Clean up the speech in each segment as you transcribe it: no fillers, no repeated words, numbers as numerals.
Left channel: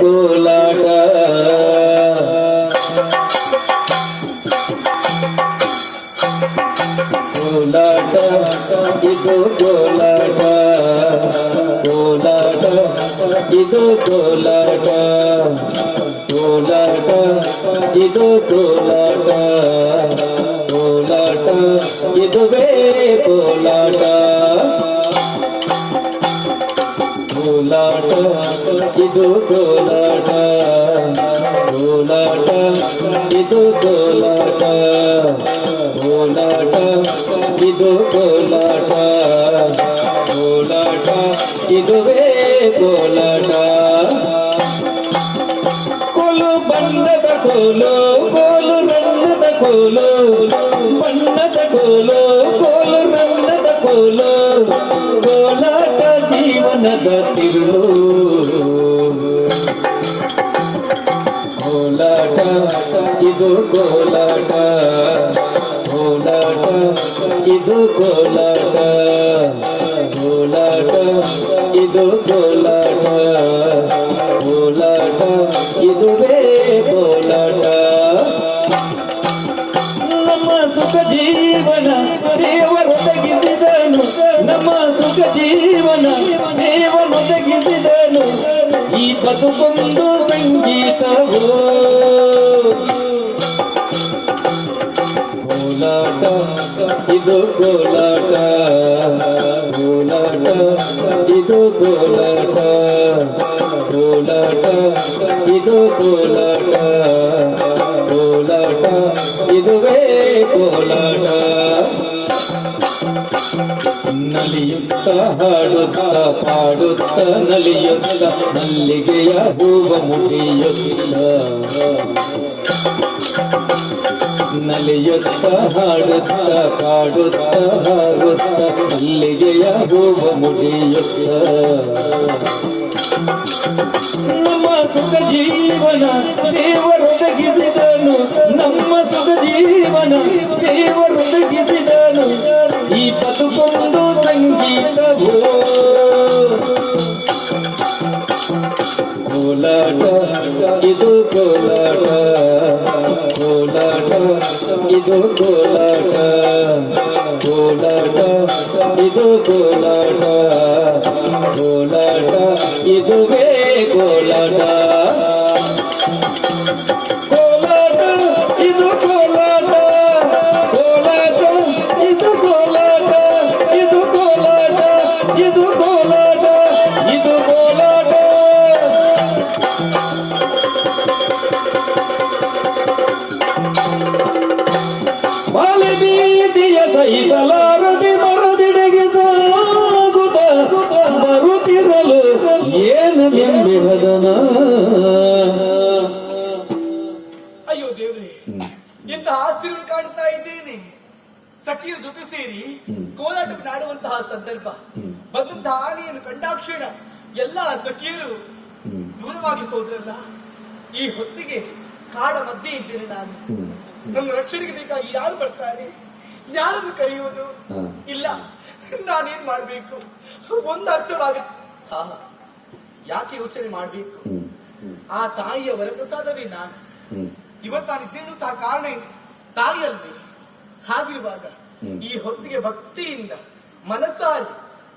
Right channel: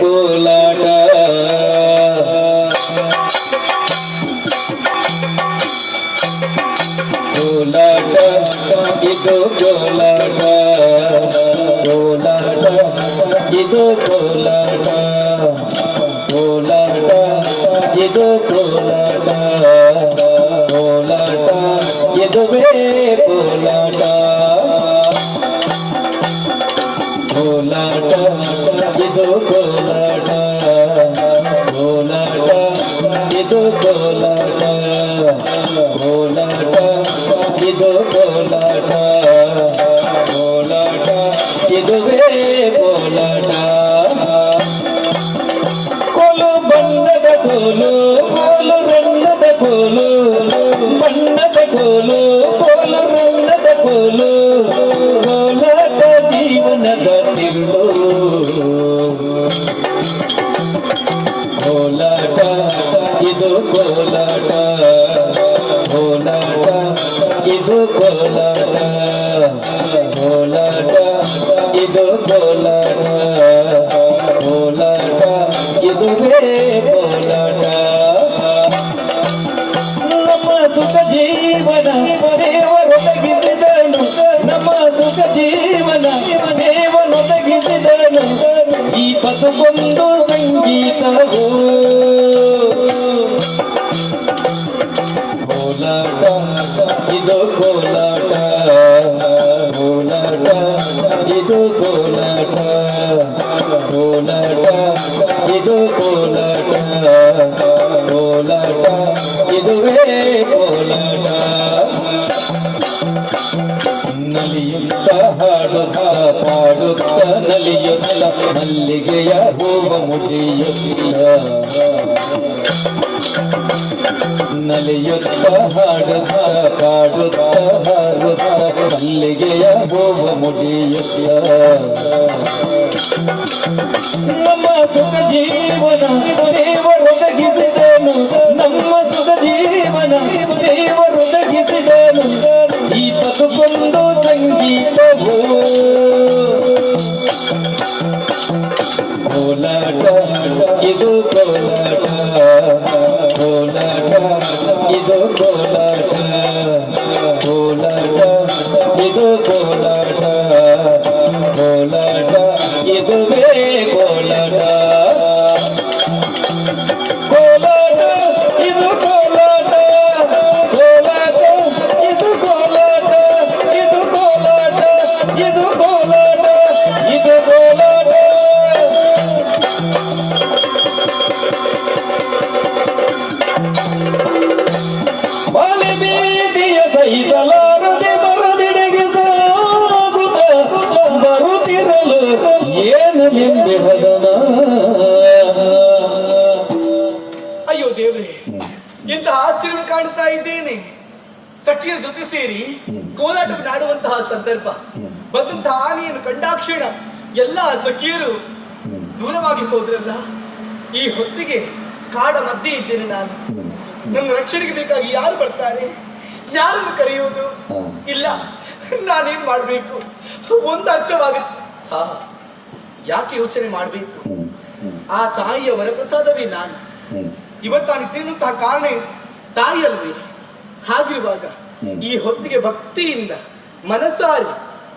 ಕೋಲಾಟ ಕೋಲಾಟ ಇದು ಕೋಲಾಟ ಕೋಲಾಟ ಇದು ಕೋಲಾಟ ಕೋಲಾಟ ಇದು ಕೋಲಾಟ ಕೋಲಾಟ ಇದುವೇ ಕೋಲಾಟ ಕೋಲಾಟ ಇದು ಕೋಲಾಟ ಕೋಲಾಟ ಇದು ಕೋಲಾಟ ಕೋಲಾಟ ಇದು ಕೋಲಾಟ ಕೋಲಾಟ ಇದುವೇ ಕೋಲಾಟ ಕೋಲು ಬಣ್ಣದ ಕೋಲು ಕೋಲು ಬಣ್ಣದ ಕೋಲು ಬಣ್ಣದ ಕೋಲು ಕೋಲು ಬಣ್ಣದ ಕೋಲು ಕೋಲಾಟ ಜೀವನದ ತಿರುಳು ಕೋಲಾಟ ಇದು ಕೋಲಾಟ ಕೋಲಾಟ ಇದು ಕೋಲಾಟ ಕೋಲಾಟ ಇದು ಕೋಲಾಟ ಕೋಲಾಟ ಇದುವೇ ಕೋಲಾಟ ನಮ್ಮ ಸುಖ ಜೀವನ ದೇವರೊದಗಿಸಿದನು ನಮ್ಮ ಸುಖ ಜೀವನ ದೇವರೊದಗಿಸಿದನು ಈ ಬದುಕೊಂದು ಸಂಗೀತವು ಕೋಲಾಟ ಇದು ಕೋಲಾಟ ಕೋಲಾಟ ಇದು ಕೋಲಾಟ ಕೋಲಾಟ ಇದು ಕೋಲಾಟ ಕೋಲಾಟ ಇದುವೇ ಕೋಲಾಟ ನಲಿಯುತ್ತ ಹಾಡುತ್ತ ಪಾಡುತ್ತ ನಲಿಯುತ್ತ ಮಲ್ಲಿಗೆಯ ಹೂವ ಮುಡಿಯುತ್ತ ನಲಿಯುತ್ತ ಹಾಡುತ್ತ ಪಾಡುತ್ತ ಹಾಡುತ್ತ ಮಲ್ಲಿಗೆಯ ಹೂವ ಮುಡಿಯುತ್ತ ನಮ್ಮ ಸುಖ ಜೀವನ ದೇವರೊದಗಿಸಿದನು ನಮ್ಮ ಸುಖ ಜೀವನ ದೇವರೊದಗಿಸಿದನು ಈ ಬದುಕೊಂದು ಸಂಗೀತವು ಕೋಲಾಟ ಇದು ಕೋಲಾಟ ಕೋಲಾಟ ಇದು ಕೋಲಾಟ ಕೋಲಾಟ ಇದು ಕೋಲಾಟ ಕೋಲಾಟ ಇದುವೇ ಕೋಲಾಟ ಕೋಲಾಟ ಇದು ಕೋಲಾಟ ಕೋಲಾಟ ಇದು ಕೋಲಾಟ ಇದು ಕೋಲಾಟ ಇದು ಕೋಲಾಟ ಇದು ಕೋಲಾಟ ಬಾಲಿ ಬೀದಿಯ ಸಹಿಸಲಾರದೆ ಮರದಿಡೆಗೆ ಸಾಗುತ್ತ ಬರುತ್ತಿರಲು ಏನು ಎಂಬೆಹದನ. ಅಯ್ಯೋ ದೇವ್ರೆ, ಎಂತಹ ಆಶ್ಚರ್ಯ ಕಾಣುತ್ತಾ ಇದ್ದೇನೆ. ಸಖಿಯರ ಜೊತೆ ಸೇರಿ ಕೋಲಾಟ ಆಡುವಂತಹ ಸಂದರ್ಭ ಬಂದಂತಹ ಆನೆಯನ್ನು ಕಂಡಾಕ್ಷಣ ಎಲ್ಲಾ ಸಖಿಯರು ದೂರವಾಗಿ ಹೋದ್ರಲ್ಲ. ಈ ಹೊತ್ತಿಗೆ ಕಾಡ ಮಧ್ಯೆ ಇದ್ದೇನೆ ನಾನು. ನನ್ನ ರಕ್ಷಣೆಗೆ ಬೇಕಾಗಿ ಯಾರು ಬರ್ತಾರೆ, ಯಾರನ್ನು ಕರೆಯುವುದು? ಇಲ್ಲ, ನಾನೇನ್ ಮಾಡ್ಬೇಕು ಒಂದು ಅರ್ಥವಾಗುತ್ತೆ. ಯಾಕೆ ಯೋಚನೆ ಮಾಡ್ಬೇಕು? ಆ ತಾಯಿಯ ವರಪ್ರಸಾದವೇ ನಾನು. ಇವತ್ತಾನಿದ್ದೇನಂತಹ ಕಾರಣ ತಾಯಿಯಲ್ವೇ? ಹಾಗಿರುವಾಗ ಈ ಹೊತ್ತಿಗೆ ಭಕ್ತಿಯಿಂದ ಮನಸಾರಿ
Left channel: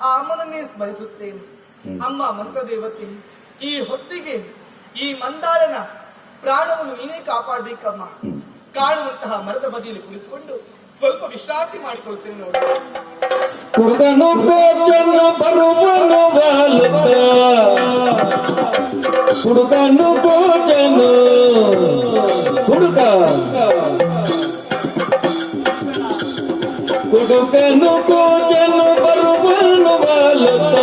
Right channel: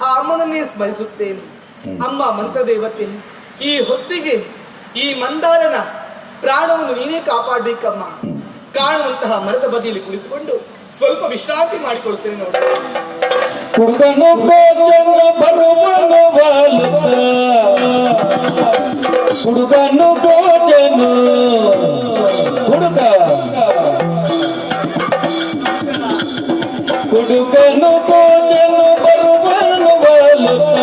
ಆ ಅಮ್ಮನನ್ನೇ ಸ್ಮರಿಸುತ್ತೇನೆ. ಅಮ್ಮ ಮಂತ್ರದೇವತೆ, ಈ ಹೊತ್ತಿಗೆ ಈ ಮಂದಾರನ ಪ್ರಾಣವನ್ನು ನೀನೇ ಕಾಪಾಡಬೇಕಮ್ಮ. ಕಾಣುವಂತಹ ಮರದ ಬದಿಯಲ್ಲಿ ಕುಳಿತುಕೊಂಡು ಸ್ವಲ್ಪ ವಿಶ್ರಾಂತಿ ಮಾಡಿಕೊಳ್ತೇನೆ ನೋಡಿ. ಹುಡುಗನು ಗೋಚನ ಬರುವನು ಬಾಲಕ, ಹುಡುಗನು ಗೋಚನು ಹುಡುಗ, ಹುಡುಗನು ಗೋಚನು ಬರುವನು ಬಾಲಕ,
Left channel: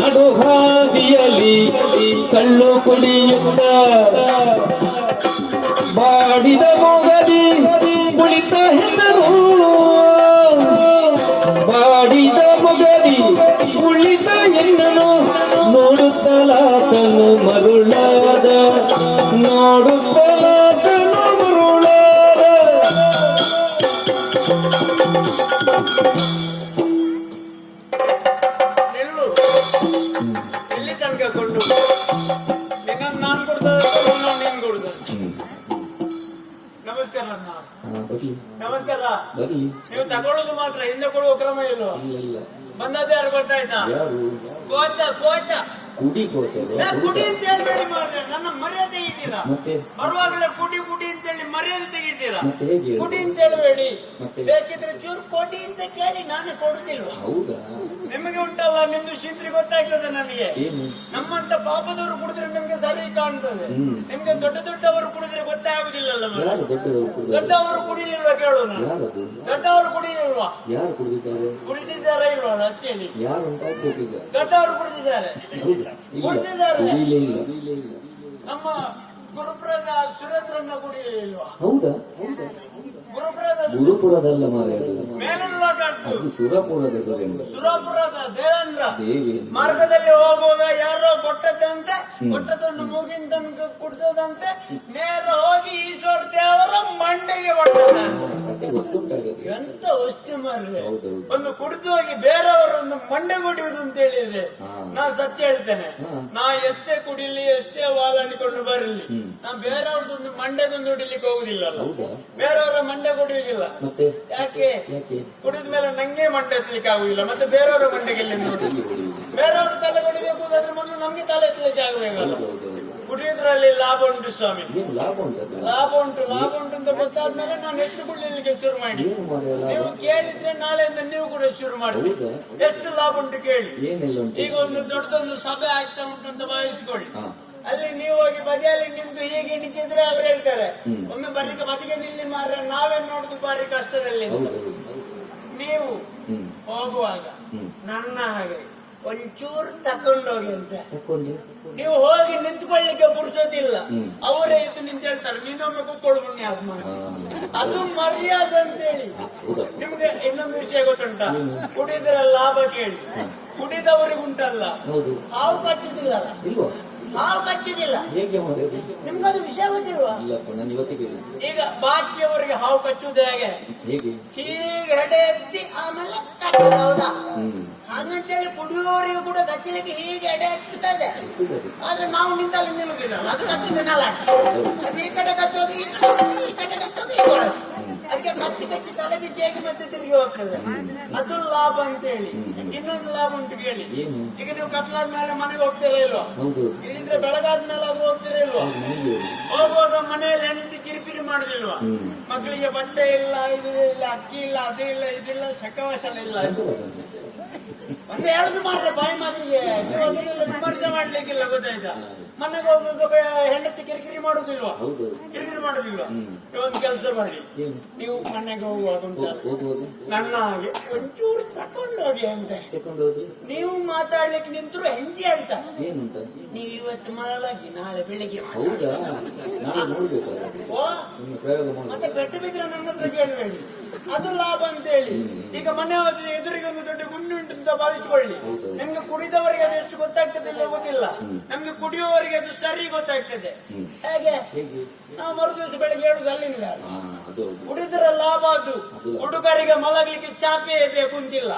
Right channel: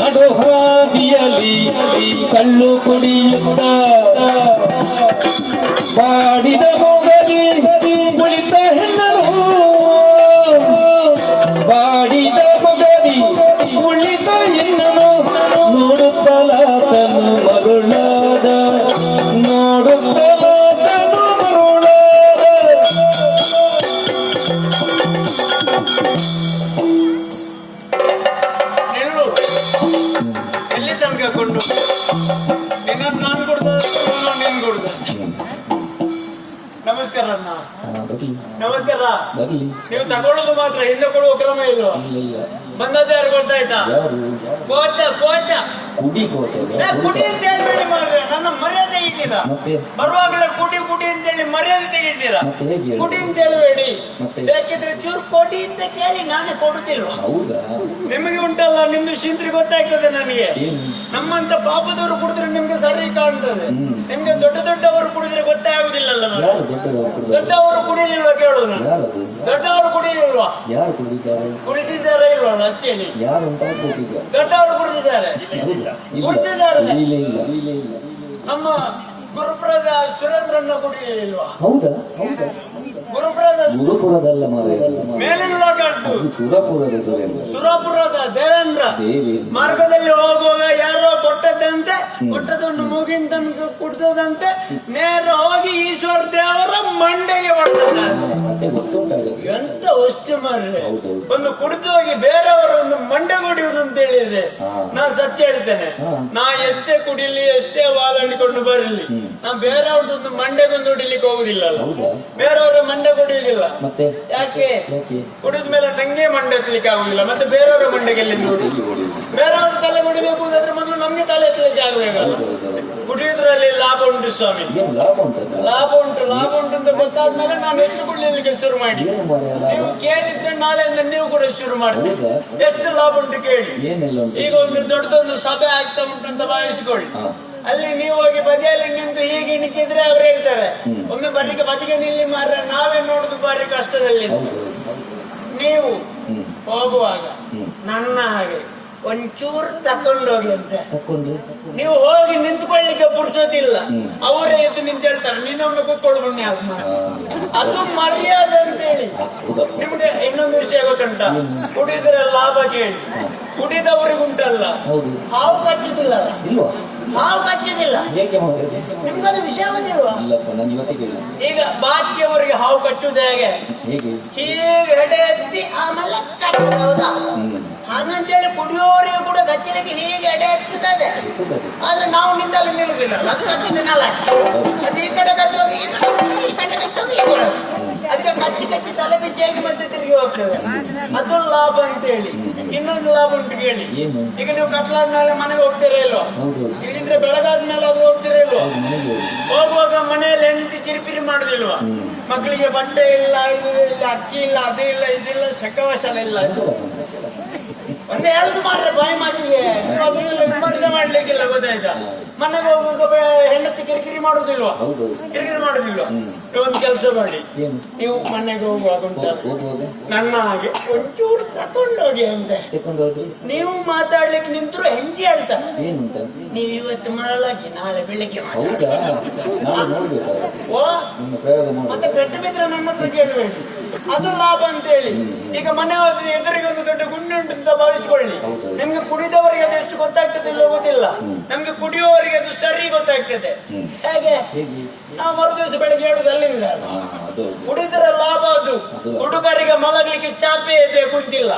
ನಡು ಹಾದಿಯಲ್ಲಿ ಕಳ್ಳು ಕುಡಿಯುತ್ತ ಬಾಡಿದ ಮೊಗದಿ ನುಳಿತ ಹೆಣ್ಣರು, ಬಾಡಿದ ಮೊಗದಿ ಕುಳಿತ ಹೆಣ್ಣನು ನೋಡುತ್ತಲಾತನು ಮರುಳಾದ, ನೋಡುತ್ತಲಾತನು ಮರುಳಾದ. ಎಲ್ಲಿ ತನಕ ಕೊಂಡು ನಿನ್ನನ್ನು ನಾನು ಕುಡ್ದ ನೀನ್ ಕುಡ್ದ. ನಮಸ್ಕಾರ ಅಣ್ಣ. ನಮಸ್ಕಾರ. ನೀವು ತಗೊಳ್ಳೋದು ಮಾತ್ರ, ಹಿಂದೆ ಕೊಡುವ ಕ್ರಮ ಇಲ್ವಾ? ಬಂದದ್ದು ಯಾರು ಗೊತ್ತಾಯ್ತಾ? ಕೋಚ ಕೋಚ ಕುಡಿ ಅಂತ ಹೇಳ್ಬೇಡಿ ಮಾರ್ರೆ, ನನ್ನ ಮರ್ಯಾದೆ ತೆಗಿತೀರಾ. ಬರುವಾಗಲೇ ಕುಡಿ ಕುಡಿ ಅಂತ ಹೇಳಿ ಮರ್ಯಾದೆ ತೆಗಿತೀರಾ. ಕುಡಿ ಅಂತ ಹೇಳ್ಬೇಡಿ, ಬೇಕಿದ್ರೆ ಚೂರು ಕೊಡಿ ಅಂತ ಕೇಳಿ ನಾನೇ ಕೊಡುತ್ತಿಲ್ವಾ? ನಿಮಗೆ ಉಂಟಲ್ಲ, ನಿಮ್ದು ಶಿಂತ್ರಿ ಗೊತ್ತಾಗ್ತದೆ ನನಗೆ. ನಮ್ಮಂತ ಪಾಪದವರು ಕುಡಿದ್ರೆ ನಿಮ್ಗೆ ಸರಿ ಕಾಣ್ತದೆ, ನಿಮ್ಗೆ ದೊಡ್ಡ ದೊಡ್ಡವರು ಕುಡಿದ್ರೆ ಗೊತ್ತೇ ಆಗುದಿಲ್ಲಲ್ಲ. ದೊಡ್ಡವರು ಕುಡಿಲಿಲ್ವಾ ಕೇಳು ನಾನು. ದೊಡ್ಡವರು ಕುಡಿಲಿಲ್ವಾ? ಕುಡಿದಿದ್ದಾರೆ ಇಲ್ವಾ ಅಷ್ಟೇ ಹೇಳಿ. ದೊಡ್ಡವರು ಕುಡಿದಿದ್ದಾರೆ. ನಮ್ಮ ಗುರುಪುರದ ಸುರೇಂದ್ರನ್ನ ಕುಡಿಯಲಿಲ್ವಾ? ಗುರುಪುರದಲ್ಲ ಮೇಲಿನ ಸುರಪುರದ ಸುರಪುರದ ದೇವೇಂದ್ರ ಮಾರ್ಗದಲ್ಲಿ ಹೋಗುವಾಗ ಯಾರೋ ಕೊಟ್ಟದ್ದಂತೆ, ಕೊಟ್ಟದನ್ನು ಮುಗಿನ ತನಕ ಕುಡ್ದದಂತೆ ನೇರ ಹೋಗಿ ಈಶ್ವರ ದೇವರ ಮಂಡೆಗೆ ಹೊಡೆದಂತೆ. ಎಂತ ವಸ್ತು ಮಾರ್ರೆ, ಒಂದು ಕುಡಿದು ಹೋಗಿ ಬೇರೆಯವರು ಒಂದು ಮಂಡೆ ಕುಡಿಯುವುದು ಅಂತ ಹೇಳಿದ್ರೆ ನಾ ಸತ್ಯ ಹೇಳ್ತೇನೆ. ನಾ ಎಷ್ಟೇ ಕುಡಿಲಿ, ಎಷ್ಟೇ ವಾಲಾಡಿಕೊಂಡು ಬರಲಿ, ನಾ ಬೇರೆಯವ್ರದೊಂದು ಮಂಡೆಗೊಂದು ಹೊಡಿಲಿಕ್ಕೆ ಹೋಗುದಿಲ್ಲ. ಬೇರೆಯವರ ಮಂಡೆ ಕುಡಿಯುವುದಿಲ್ಲ. ಯಾಕೆ? ಕುಡಿದ ಮೇಲೆ ನಂಗೆ ಮಂಡೆ ಎತ್ತಲಿಕ್ಕೆ ಆಗುದಿಲ್ಲ, ಮತ್ತೆ ಬೇರೆಯವರ ಮಂಡೆಗೆ ಬೇರೆಯವರು ತಲೆ ಕುಡಿಬೇಕು ಅಂದ್ರೆ ಮೊದಲು ನಮ್ಗೆ ತಲೆ ಎತ್ತಲಿಕ್ಕೆ ಆಗಬೇಕಲ್ಲ. ಕುಡಿಯುವುದ್ರಲ್ಲಿ ಲಾಭ ಉಂಟು ಸ್ವಾಮಿ, ಲಾಭ ಉಂಟು. ಲಾಭ ಉಂಟು ಅಂತ ಗೊತ್ತಾದ್ಮೇಲೆ ನಾನು ಹೆಚ್ಚು ಕುಡಿಲಿಕ್ಕೆ ಶುರು ಮಾಡಿ. ನೀವು ಕೇಳಿದ್ರೆ ನಾಳೆಯಿಂದ ನೀವು ಕೂಡ ಶುರು ಮಾಡ್ತೀವಿ. ಎಷ್ಟು ಲಾಭ ಉಂಟು ಕೇಳಿ. ಈಗ ಒಂದು ದೊಡ್ಡದೊಂದು ಸಭೆ ಆಗ್ತಾ ಉಂಟು ಅಂತ ಭಾವಿಸಿಕೊಳ್ಳಿ. ಅಲ್ಲಿ ನೀವು ಹೋಗಿ ಬದಿಯಲ್ಲಿ ನಿಂತು ಹೀಗೆ ನಿಂತಿದ್ರೆ ಅವ್ರು ಹೇಳ್ತಾರೆ, ಒಮ್ಮೆ ಬದಿಗೆ ನಿಲ್ಲಿ ಮಾರ್ರೆ, ನಾವೇ ನೋಡುದು ಬಾರಿ ಕಷ್ಟದಲ್ಲಿ. ನೀವು ಹೋಗುವಾಗ ನನ್ನ ಹಾಗೆ ಒಂಚೂರು ತಕೊಂಡೋಗಿ ಅಂತ ನೀವು ಹೋಗಿ ನಿಂತ್ಕೊಳ್ಳಿಕ್ಕೆ ಪುಡ್ಸೋದಿಲ್ಲ. ಅವರೇ ಎದ್ದು ನಿಂತು ಹೇಳ್ತಾರೆ, ನೀನೊಮ್ಮೆ ಕೂತ್ಕೊಳ್ಳು ಬನ್ನಿ. ಅದು ಮರ್ಯಾದೆ ಅಂತ ಹೇಳಿ. ನಿಮ್ಗೆ ಇನ್ನೊಂದು ವಿಷಯ ಗೊತ್ತುಂಟ? ಕುಡಿದ್ರೆ ಲಾಭ ಕೇಳಿ. ಕುಡಿದವರಿಗುಂಟಲ್ಲ, ಹಾವು ಕಚ್ಚುದಿಲ್ಲ. ಹಾವು ಕಚ್ಚುದಿಲ್ಲ. ನಿಮ್ಗದು ವಿಷಯ ಗೊತ್ತಿಲ್ವಾ? ಈಗ ಬಾಕಿಯವರಿಗೆ ಹಾವು ಕಚ್ಚುವುದು ಹೇಗೆ? ಹೀಗೆ ಹೆಡೆ ಎತ್ತಿ ಆಮೇಲೆ ಕಟ್ಟುದು, ಹೌದಾ? ಹಾಗಂತೇಳಿ ಕುಡಿಯೋರಿಗೆ ಕೂಡ ಕಚ್ಚಲಿಕ್ಕೆ ಹೀಗೆ ಎಡೆ ಎತ್ತುತ್ತದೆ. ಆದ್ರೆ ನಾವು ನಿಂತಲ್ಲಿ ನಿಲ್ಲುದಿಲ್ಲ, ಅದು ಕಚ್ಚಿದನಲ್ಲ. ಅದು ಈ ಕಡೆ ಕಚ್ಚೋಗಿ ಈ ಕಡೆ ಕಚ್ಚೋಗಿ ಅದಕ್ಕೆ ಕಚ್ಚಿ ಕಚ್ಚಿ ತಲೆ ಬಿಚ್ಚಾಗಿ ಮತ್ತೆ ತಿರುಗಿ ಹೋಗ್ತದೆ. ಅದು ಲಾಭ ಅಂತ ಹೇಳಿ. ಇನ್ನೊಂದು ಲಾಭ ಉಂಟು ಕೇಳಿ. ಈಗ ನೀವು ಕತ್ಲಾದ್ಮೇಲೆ ಮನೆಗೆ ಹೋಗ್ತೀರಾ ಇಲ್ವೋ? ಇಲ್ಲಿಂದ್ರೆ ಬೆಳಗಾದ್ಮೇಲೆ ಆದ್ರೂ ಹೋಗ್ತೀರಾ ಇಲ್ವೋ? ಹೋಗುವಾಗ ಮನೆಯಲ್ಲಿ ಹೆಂಡತಿ ಕಿರಿಪಿರಿ ಮಾಡುದಿಲ್ವಾ? ಮಕ್ಕಳಿಗೆ ಬಟ್ಟೆ ಇಲ್ಲ, ಇದು ಇಲ್ಲ, ಅಕ್ಕಿ ಇಲ್ಲ, ಅದು ಇಲ್ಲ, ಇದಿಲ್ಲ, ಶಕವಶಲ ಇಲ್ಲ. ಒಂದೇ ಹೇಳುದು ಮಾಡ್ರೆ ಬಾಯಿ ಮಾತಿಗೆ ವಿಮರ್ಶೆ ಮಾಡ್ಲಿಕ್ಕಿಲ್ಲ, ಗೊತ್ತಾಯ್ತಾ? ಮನೆಗೆ ಹೋಗುವಾಗ ಹೆಂಡತಿ ಕಿರಿಕಿರಿ ಮಾಡುದಿಲ್ವಾ? ಕಿರಿಕಿರಿ ಮಾಡುದಿಲ್ವಾ? ಒಂದು ಕೆಲಸ ಮಾಡಿ, ನೀವು ಮನೆಗೆ ಹೋಗುವಾಗ ನನ್ನ ಹಾಗೆ ಒಂಚೂರು ತಕೊಂಡೋಗಿ ಅಂತೆ. ನೀವು ಮಾತಾಡ್ಲಿಕ್ಕೆ ನಿಂತರು ಹೆಂಡತಿ ಹೇಳ್ತಾರೆ, ನೀವು ಇವತ್ತು ಮಾಡಲಾಗಿ ನಾಳೆ ಬೆಳಿಗ್ಗೆ ಮತ್ತೆ ಪೆಟ್ಟು ಬಿದ್ರೆ ನನ್ನ ಹತ್ರ ಕೇಳಬೇಡಿ. ಅದು ಲಾಭ ಅಂತ ಹೇಳಿ. ಈಗ ಮನೆ ಹೋದ್ರೆ ಎದುರಿಗೆ ಒಂದು ದೊಡ್ಡ ಗುಂಡು ಉಂಟು ಅಂತ ಭಾವಿಸಿಕೊಳ್ಳಿ. ನಿಮ್ಗೆ ಕುಡಿದವರಿಗೆ ಅದು ಎಷ್ಟು ಗೊತ್ತಾಗ್ತದೆ ಇಲ್ಲ ಗೊತ್ತಿಲ್ಲ, ನಮ್ಗೆ ಕುಡಿಯುವವರಿಗೆ ಅದು ಸರಿ ಗೊತ್ತಾಗ್ತದೆ. ಹೇಗೆ? ನಾವು ಮರು ದಿವಸ ಬೆಳಗ್ಗೆ ಹೇಳುದು ಅಲ್ಲಿಂದ. ಕುಡಿದ್ರೆ ಲಾಭ ಅದು. ಹುಡುಗರಿಗೆ ಮಲಗಲಿಕ್ಕೆ ಚಾಪೆ ಬೇಕು ಅಂತಿಲ್ಲ.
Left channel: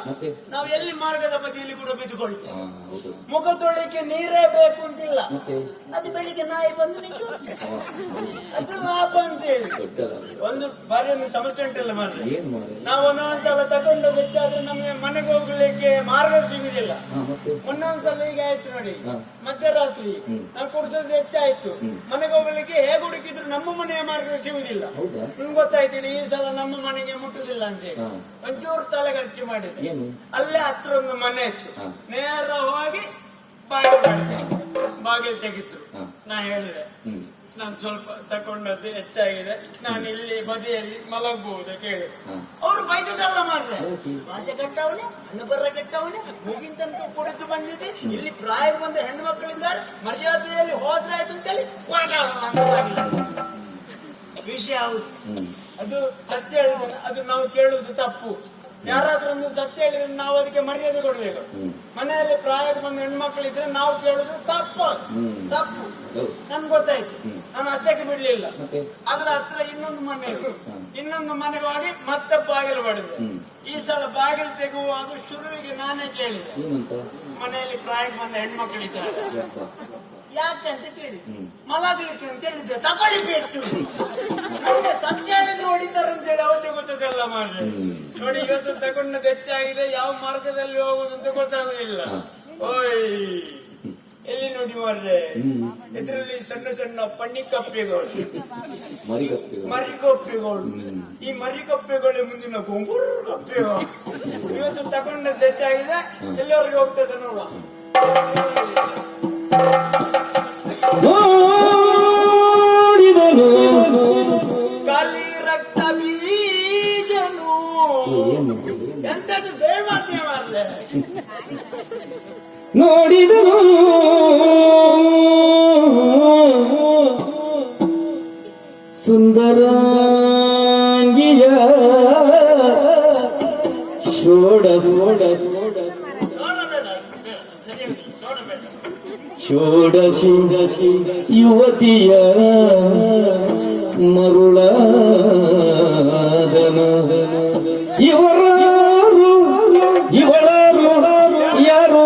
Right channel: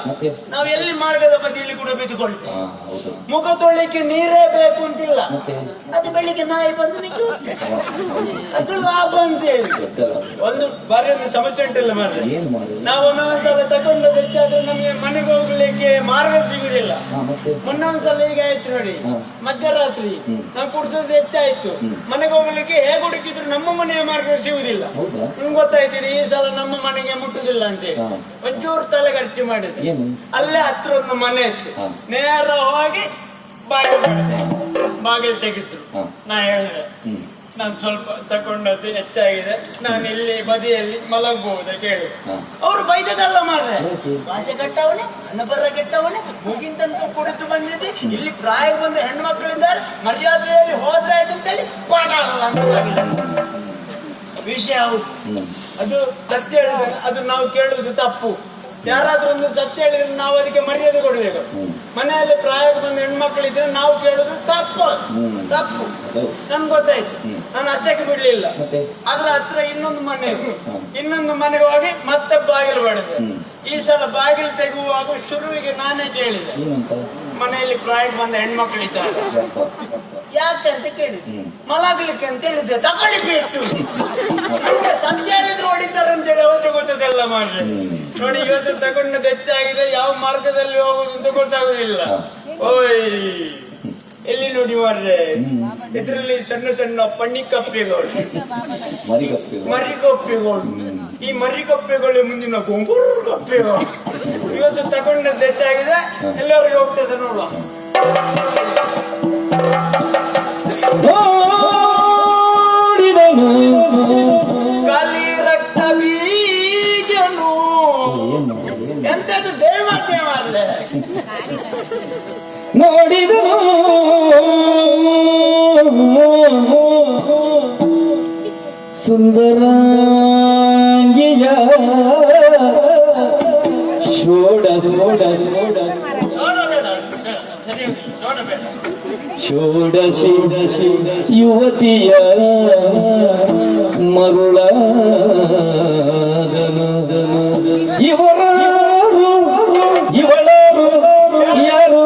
ನಾವು ಎಲ್ಲಿ ಮಾರ್ಗದ ಬದಿಯಲ್ಲಿ ಕೂಡ ಬಿದ್ದುಕೊಳ್ತೇವೆ. ಮುಖ ತೊಳಿಲಿಕ್ಕೆ ನೀರೇ ಬೇಕು ಅಂತಿಲ್ಲ. ಅದು ಬೆಳಿಗ್ಗೆ ನಾಯಿ ಬಂದು ಅದು ಲಾಭ ಅಂತ ಹೇಳಿ. ಒಂದು ಬಾರಿ ಒಂದು ಸಮಸ್ಯೆ ಉಂಟಿಲ್ಲ ಮಾರ್ರೆ. ನಾವು ಒಂದೊಂದ್ಸಲ ತಗೊಂಡು ಹೆಚ್ಚಾದ್ರೆ ನಮ್ಗೆ ಮನೆಗೆ ಹೋಗ್ಲಿಕ್ಕೆ ಮಾರ್ಗ ಸಿಗುದಿಲ್ಲ. ಮೊನ್ನೊಂದ್ಸಲ ಈಗ ಆಯ್ತು ನೋಡಿ, ಮಧ್ಯರಾತ್ರಿ ನಾವು ಕುಡಿದದ್ದು ಹೆಚ್ಚಾಯ್ತು. ಮನೆಗೆ ಹೋಗ್ಲಿಕ್ಕೆ ಹೇಗೆ ಹುಡುಕಿದ್ರು ನಮ್ಮ ಮನೆಯ ಮಾರ್ಗ ಸಿಗುದಿಲ್ಲ. ನಿಮ್ಗೆ ಗೊತ್ತಾಯ್ತೀರಿ, ಈ ಸಲ ನಮ್ಮ ಮನೆಗೆ ಮುಟ್ಟುದಿಲ್ಲ ಅಂತೇಳಿ ಒಂಚೂರು ತಲೆ ಖರ್ಚು ಮಾಡಿದೆ. ಅಲ್ಲೇ ಹತ್ರ ಒಂದು ಮನೆ ಇತ್ತು, ನೇರ ಹೋಗಿ ಬಾಗಿಲು ತೆಗಿದ್ರು. ನಾ ಹೇಳಿದೆ, ನಾನು ಸ್ವಲ್ಪ ತಕೊಂಡದ್ದು ಹೆಚ್ಚಾಗಿದೆ, ನಾನು ಇಲ್ಲಿ ಬದಿಯಲ್ಲಿ ಮಲಗಬಹುದ ಕೇಳಿ. ಅವರು ಬೈದದಲ್ಲ ಮಾರ್ರೆ, ಭಾಷೆ ಕೆಟ್ಟವನೇ, ಹಣ ಬರ ಕೆಟ್ಟವನೇ, ಮುಗಿಂತಂತೂ ಕುಡಿದು ಬಂದಿದ್ದಿ, ಇಲ್ಲಿ ಪ್ರಾಯ ಬಂದ ಹೆಣ್ಣು ಮಕ್ಕಳಿದ್ದಾರೆ, ಮರ್ಯಾದೆಯಲ್ಲಿ ಹೋದ್ರೆ ಆಯ್ತು ಅಂತೇಳಿ ಪಾಠ ವಿಷಯ. ಹೌದು, ಅದು ಸತ್ಯ ಹೇಳಿದ್ರೆ ಅದು ನಾವು ಕೇಳುವುದು ತಪ್ಪು. ಯಾರಾದ್ರೂ ಒಂದು ಸತ್ಯ ಹೇಳಿದ್ರೆ ನಾವು ಅದಕ್ಕೆ ಮರ್ಯಾದೆ ಕೊಡಬೇಕು. ಮನೆಯಲ್ಲಿ ಪ್ರಾಯಕ್ಕೆ ಬಂದ ಹೆಣ್ಮಕ್ಳು ಇದ್ರೆ ನಾವು ಕೇಳುದು ತಪ್ಪು. ನನ್ಗೆ ಗೊತ್ತಾಯ್ತು, ನಾನು ಅಷ್ಟಕ್ಕೆ ಬಿಡ್ಲಿಲ್ಲ. ಅದ್ರ ಹತ್ರ ಇನ್ನೊಂದು ಮನೆ ಇತ್ತು, ಇನ್ನೊಂದು ಮನೆಗೆ ಹೋಗಿ ಮತ್ತೆ ಬಾಗಿಲು ಬಡಿದೆ. ಈ ಸಲ ಬಾಗಿಲು ತೆಗುವಾಗ ಶುರುವಿಗೆ ನಾನೇ ಕೇಳಿದೆ, ಮನೆಯಲ್ಲಿ ಪ್ರಾಯಕ್ಕೆ ಬಂದ ಹೆಣ್ಮಕ್ಳು ಇದ್ದಾರೆ, ಅಂತ ಹೇಳಿದ್ದೆ, ಮಲಗಲಿಕ್ಕೆ ಅಂತ ಹೇಳಿದ್ದೆ, ತಗೊಳ್ಳಿ ಪೇಟು. ಸತ್ಯ ಹೇಳಿದ್ರೆ ಹೊಡಿತಾರೆ ಅಂತ ಹೇಳಿ ಅವತ್ತು ಗೊತ್ತದೆಲ್ಲ ಮಾಡ್ರೆ. ನೋಡಿ ಇವತ್ತು ತಗೊಂಡದ್ದು ಹೆಚ್ಚಾಗಿದೆ, ಯಾವ ಮಾರ್ಗದಲ್ಲಿ ಹೋಗುದು ಅಂತ ಗೊತ್ತಾಗುದಿಲ್ಲ. ಓಯ್ ಎಲ್ಲಿ ನೋಡಿ ಮಾರ್ರೆ, ಇದ್ರಲ್ಲಿ ಸಣ್ಣ ಸಣ್ಣ ಪಣ್ಣಿ ಕಪ್ಪೆಗಳು, ಮರಿ ಕಪ್ಪೆಗಳು. ಈ ಮರಿ ಕಪ್ಪೆಗಳು ಮುಂದಿನ ಗುಂಗುರು ಕಪ್ಪೆಗಳು. ಇವತ್ತು ತಗೊಂಡದ್ದು ಹೆಚ್ಚಾಗಿದೆ, ಎಲ್ಲರಿಗೂ ಹೋಗ್ತದೆ ನೋಡುವ. ನೋಡಿದನು ಕಲಿ ರಕ್ತ ಬೀಜನು ಎಂತದ್ದು ದೇವತೆ ಮಾಡ್ಲೆ. ನೋಡಿದನು ಸುಂದರಾಂಗಿಯ ಶೋಡ ಷೋಡಶಿ ಯುವತಿಯ ಮರುಳಾದನು. ಇವಳಾರು ಯಾರು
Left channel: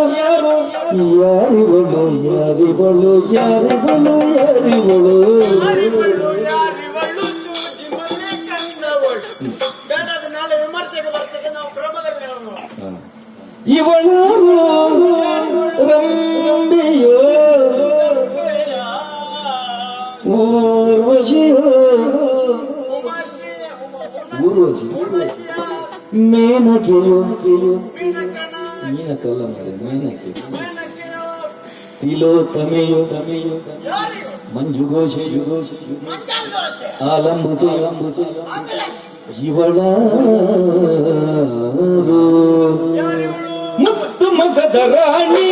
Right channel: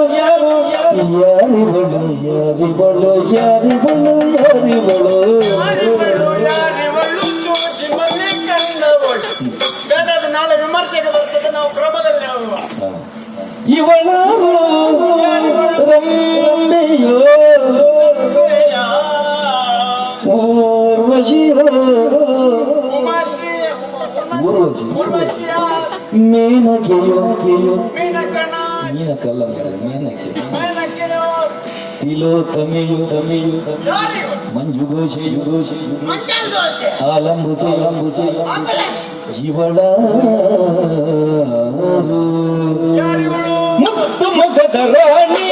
ಯಾರಿವಳು ಬೇಕಾದ ನಾಳೆ ವಿಮರ್ಶೆಗೆ ಬರ್ತದೆ, ನಾವು ಕ್ರಮದಲ್ಲಿ ಹೋಗುವ. ಇವಳಾರು ರಂಬೆಯೋ ಮೇನಕೆಯೋ ಮೀನಕಲ್ಲ ಮೇನಕೆ ತಿಲೋತ್ತಮೆಯೋ ಮಂಜು ಘೋಷೆ ಆಲಂಬುತೆ ಮುತ್ತು ಮುಖದ ರಾಣಿ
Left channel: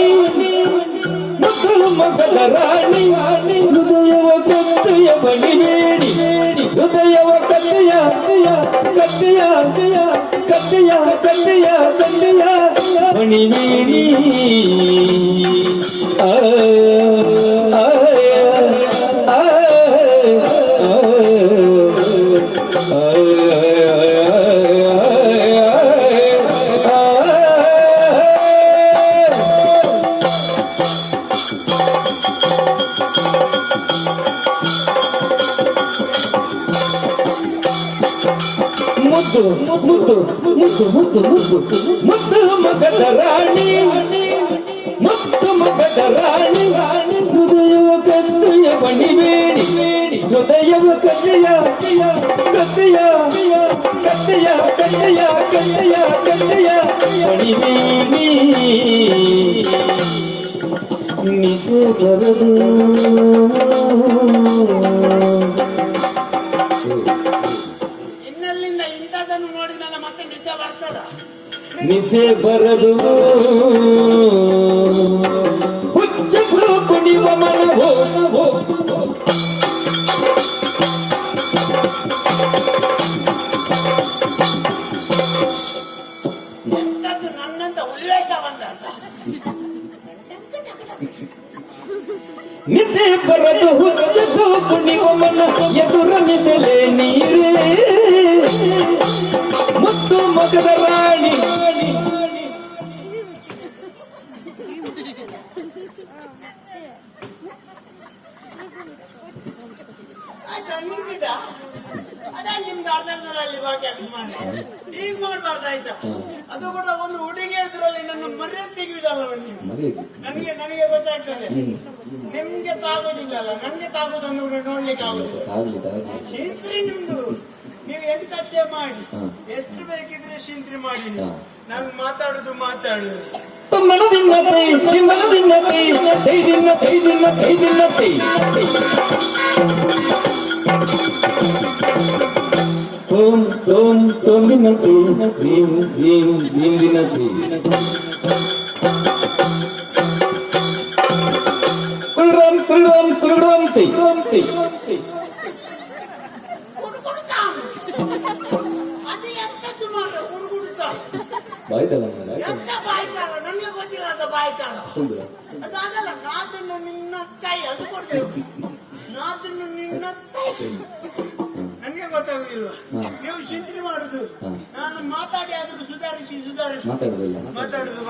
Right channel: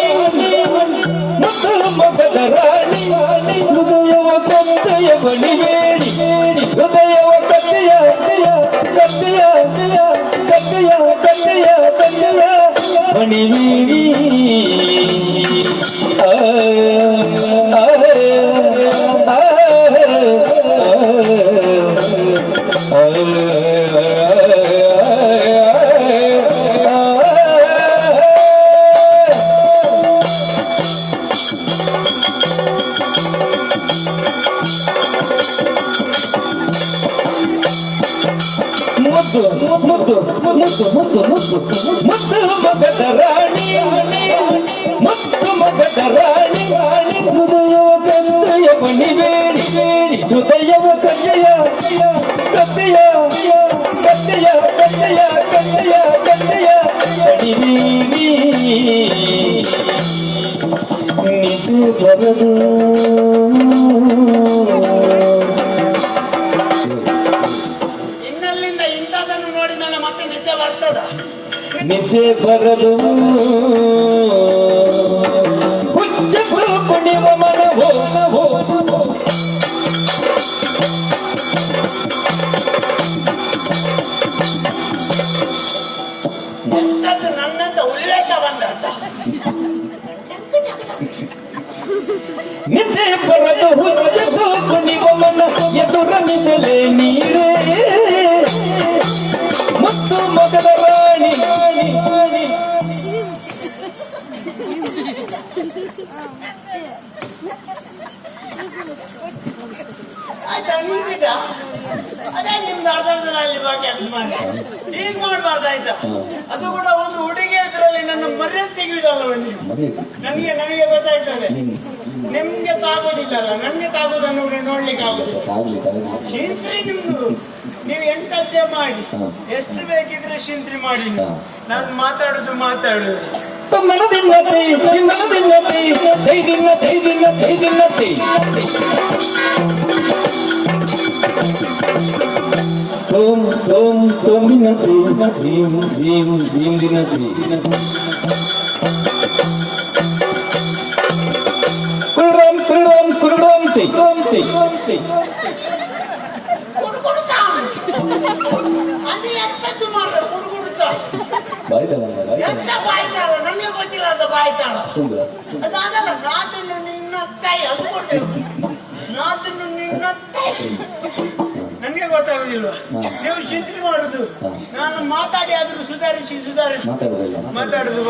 ಹೃದಯವ ಕತ್ತೆಯ ಬಣಿಬೇಡಿ ಹೃದಯವ ಕತ್ತೆಯ ಬಣಿಬೇಡಿ. ಮುದ್ದು ಮಗದ ರಾಣಿ ಹೃದಯವ ಕತ್ತೆಯ ಬಣಿಬೇಡಿ ಹೃದಯವ ಕತ್ತೆಯ ಬಣಿಬೇಡಿ. ನಿಜ ಬರದು ನಿದ್ದೆ ಬರದು ಹುಚ್ಚು ಕುಣಿವ ಮನವೋ ಎಂತದ್ದು ನನ್ನಂತ ಉಲ್ಲೇಖ ಬಂದ. ನಿದ್ದೆ ಬರದು ಹುಚ್ಚು ಕುಣಿವ ಮನ ಎದುರ ನಿದ್ದೆ ನೀರೇ ಮುತ್ತು ಮಗದ ರಾಣಿ ಅದೇ ನಿಮ್ದು ಅರ್ಧದಲ್ಲಿ ಈಗ ಮಾಡ್ಬಾರ್ದಾಯ್ತಾ. ಅದು ಕೂಡ ಒಂದು ಹುಡುಗಿ ಇದ್ರಲ್ಲಿ ನನ್ನ ಮರ್ಯಾದೆ ತೆಗೆಯುವುದಲ್ಲ ನೀವು. ನನಗೆ ಗೊತ್ತಾಯ್ತದೆ, ನಿಮ್ಗೆ ತಾಗೋದಿಲ್ಲಲ್ಲ, ನನ್ಗೆ ತಾಗೋದನ್ನು ನೋಡ್ಲಿಕ್ಕೆ ಆಗುದಿಲ್ಲ. ನಿಮ್ದು ನೀವು ಎಂತದ್ದೇ ಮಾಡಿ, ಎಷ್ಟು ಬೇಕಿದ್ರೆ ಶಿಂತ್ರಿ ಮಾಡಿ, ನಾನು ಮಾತಾಡುದು ನನಗೆ ಗೊತ್ತಿಲ್ಲ ಅದು ಬಾಯ್ತಾಳ. ಅದಾಗಲ್ಲ, ನಾದನ್ನು ನಿನ್ನ ಕೈ ಅದು ಕೊಡ್ತೇವೆ, ನಾದನ್ನು ನಿನ್ನ ಕೈ ನನಗೆ ಗೊತ್ತಾಗ ಮಾಡುದಿಲ್ವಾ? ಹಾ. ನೀವು ಚಿಂತೆ ಮಾಡುದು. ಹಾ. ನಾನು ಮಾತಾಡಿ ಆದ್ರೂ ಸುಧಾರಿಸಿ ಮಾತಾಡುದಿಲ್ಲ. ಮಾತಾಡುದು.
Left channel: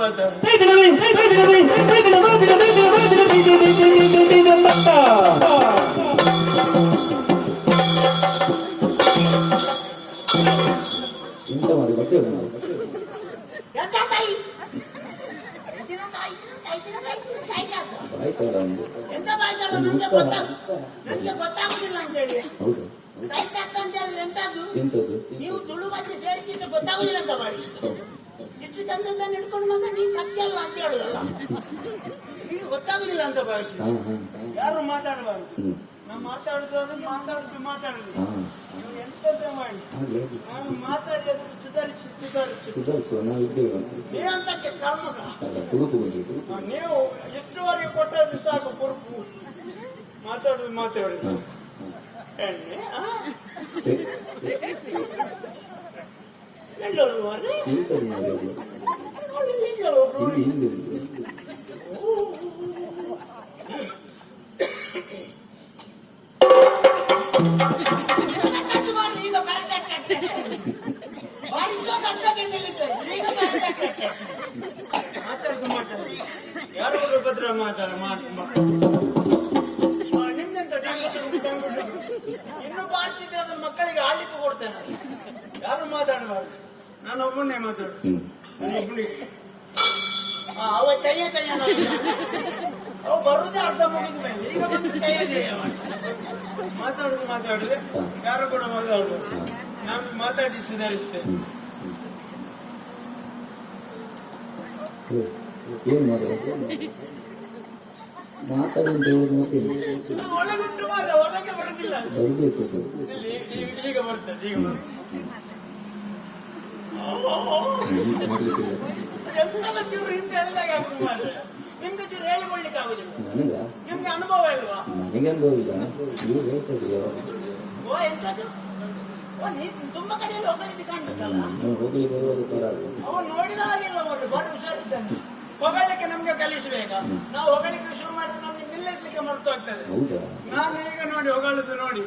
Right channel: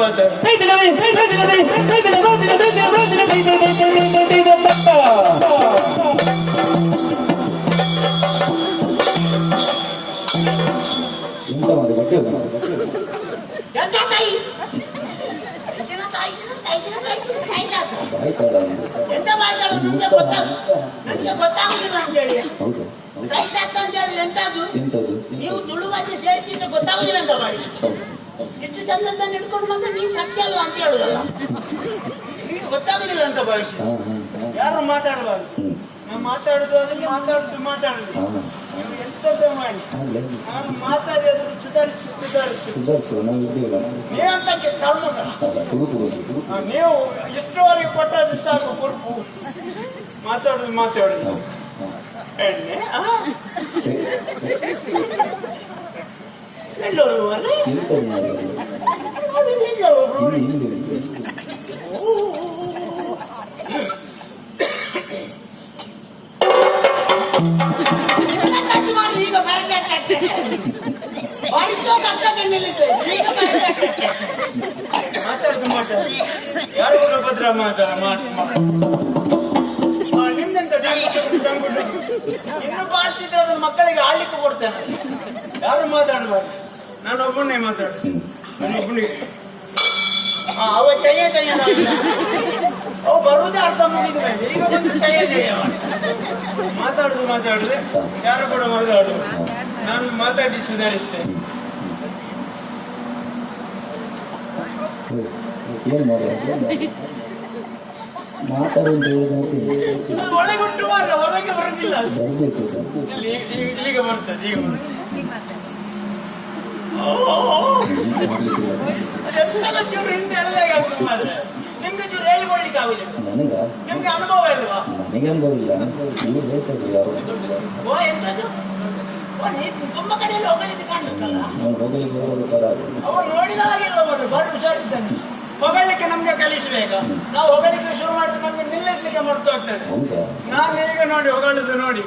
ಎಂತ ಮಾಡಿ ಬಟ್ಟೆ ಆಯ್ತಲ್ಲ ಹೌದು ಎಂತದ್ದು ನೀವು ತುಳು ಭಾಷೆ ಸೇರಿಸಿದ್ರೆ ಗೊತ್ತಾಗುದಿಲ್ಲ ಅಂತ ಮಾಡಿ ಇಷ್ಟು ಚಂದ ಹಿಡ್ಕೊಂಡು ಬಂದ ನೀ ಸತ್ಯ ಅಲ್ವಾ ಅಂತ ಹೇಳುದಲ್ಲ ನಿಮಗೆ ಗೊತ್ತಾಗುದಿಲ್ಲ ಅಂತ ಭಾಷೆ ಯಾರು ಮಾತಾಡಬಾರ್ದು. ನಾವು ಮಾತಾಡುದು ಅದಕ್ಕೆ ಮಾತಾಡುದು. ನೀವು ಎಂತದ್ದು ಮಾಡಿ ನಾನು ಮಾತಾಡಿ ಅದನ್ನು ಸುಧಾರಿಸುವ ನಾವು ಇದ್ದೇವೆ ನೀವಂತಕ್ಕೆ ಕಾರಣದ ನೀವು ಎಷ್ಟುವರೆಗೆ ಕೊಟ್ಟದ್ದು ಸಾಕು ಕುರುಪು ಮಾತಾಡುದು ಎಣ್ಣೆ ಮಾತಾಡುದು ಯಾರು ಭದ್ರ ನಿಮ್ದೆಂತ ಇನ್ನು ಬಾರಿಸಿದ್ರೆ ಅದನ್ನ ಮಕ್ಕಳಿಗೆ ಆಡ್ಲಿಕ್ಕೆ ಕೊಡ್ತೇನೆ. ಯಾರು ಮಾತಾಡಬಾರ್ದು. ನಾನು ಒಬ್ಬನೇ ಮಾತಾಡುದು. ನಾನು ಒಬ್ಬನಿಗೆ ಅವ ಚಯ್ಯ ಅವ ಬರುವುದೇ ಅರ್ಥ ಮುಗಿದ ಮೇಲೆ ಈಗ ಬಂದು ಚಯ್ಯ ಮಾತಾಡುದು ಯಾರು ಕೂಡ ಮಾತಾಡುದು. ನಾನು ಮಾತಾಡಿ ಸುಧಾರಿಸ್ತೇನೆ. ಏನ್ ಮಾತಾಡಿ ಒಳಗುಂಟು ಮಾರ ಹೊರಗೆ ಬರೋದಿಲ್ಲ. ಬರ್ಬೇಕು ಈಗ ಬರ್ತದೆ. ಚೂರು ಹಿಂದೆ ಎಳೆದಾಗ ನಿಮ್ಗೆ ಚೂರು ಹೇಳ್ಕೊಳ್ಲಿಕ್ಕೆ ಆಗುದಿಲ್ಲ. ನಿಮ್ಗೆ ಅನುಭವ ಇಲ್ವಾ? ನನಗೆ ಅನುಭವ ಇಲ್ಲ. ನೀವು ಹೇಳ್ತಿಲ್ಲ ಎಂತದ್ದು ತುಂಬಾ ಕಡೆಯಲ್ಲಿ ಹೋಗಲಿಕ್ಕೆ ಕಾಣುತ್ತಲ್ಲ. ಹೋಗ್ಲಿಕ್ಕೆ ಬರೋದು ತರ ಅವ ನೋಡಿದ ಹಾಗೆಲ್ಲ ಬಾರಿ ಹುಷಾರಿದ್ದಾನೆ. ಹೊಗಳಿಕ್ಕೆ ನಮ್ಗೆ ಕಲಿಸಬೇಕಾ? ನಾವು ಹೊಗಳಿಕೆ ಶುರು ಮಾಡಿದ್ರೆ ನಮ್ಗೆ ನಿಲ್ಲಿಸ್ಲಿಕ್ಕೆ ಮರ್ತು ಆಗ್ತದೆ. ನಾನು ಈಗ ನೋಡಿ ಹೊಗಳಿದ್ದು ನೋಡಿ